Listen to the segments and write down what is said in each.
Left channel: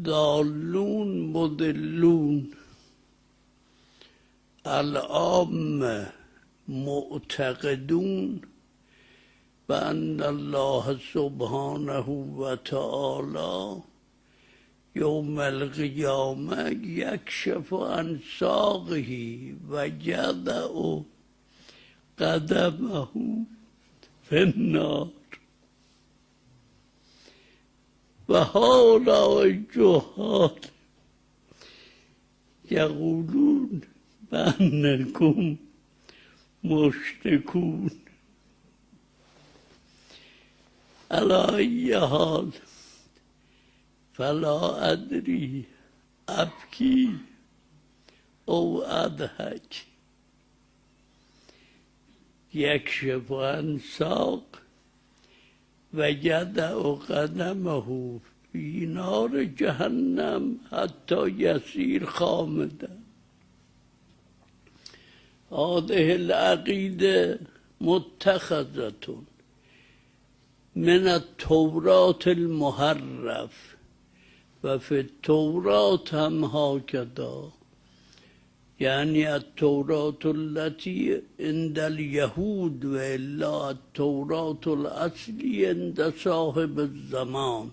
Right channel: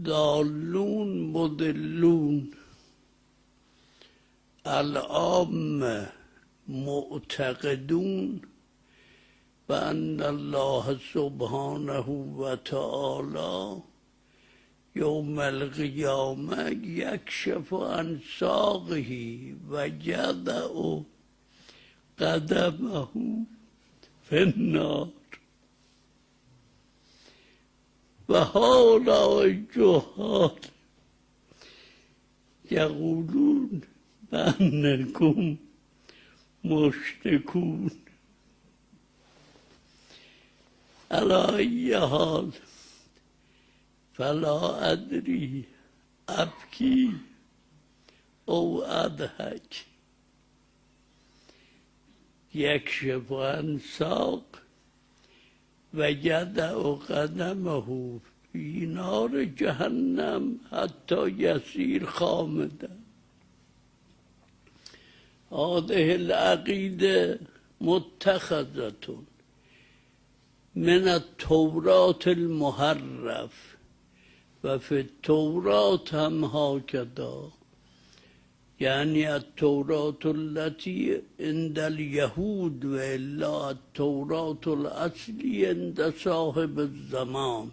ضالون مضلون العامة معتقدون بأن الله سبحانه وتعالى يوم القيامة يكشف عن ساقه ويضع قدمه في النار. وهؤلاء الجهال يقولون بأنكم مشركون. على أي حال فلا أدري أبكي أو أضحك. يكشف عن ساق ويضع قدمه في نار جهنم حتى يصير خامدا. هذه العقيدة متخذة من التوراة المحرف وفي التوراة هم هكذا، يعني التوراة التي عند اليهود وإلا التوراة الأصلية عند صاحب الزمان.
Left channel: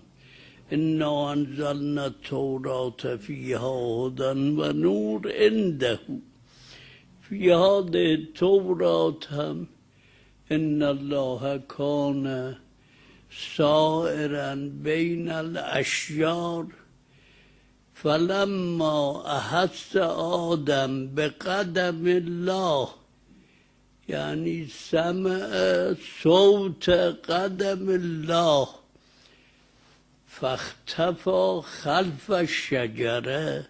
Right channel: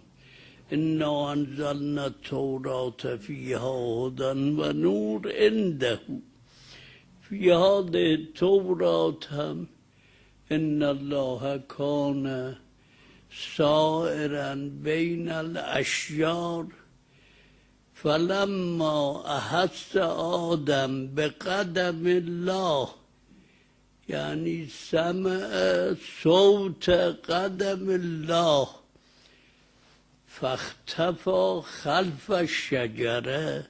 إنا أنزلنا التوراة فيها هدى ونور عنده. في هذه التوراة هم إن الله كان سائرا بين الأشجار فلما أحس آدم بقدم الله، يعني سمع صوت قدم الله، فاختفى خلف الشجرة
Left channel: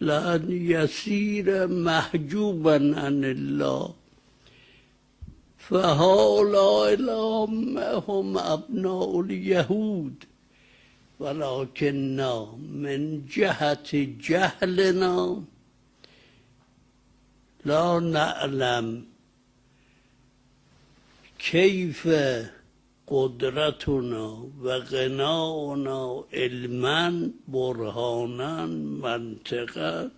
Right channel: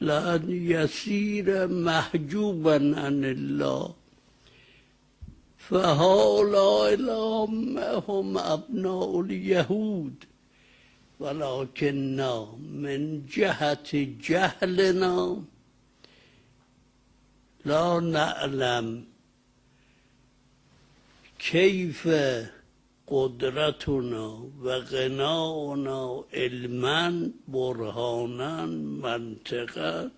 لأن يصير محجوبا عن الله. فهؤلاء العامة هم أبناء اليهود، ولكننا من جهة جهلنا لا نعلم كيف قدرتنا وغناؤنا علما برهانا منطقا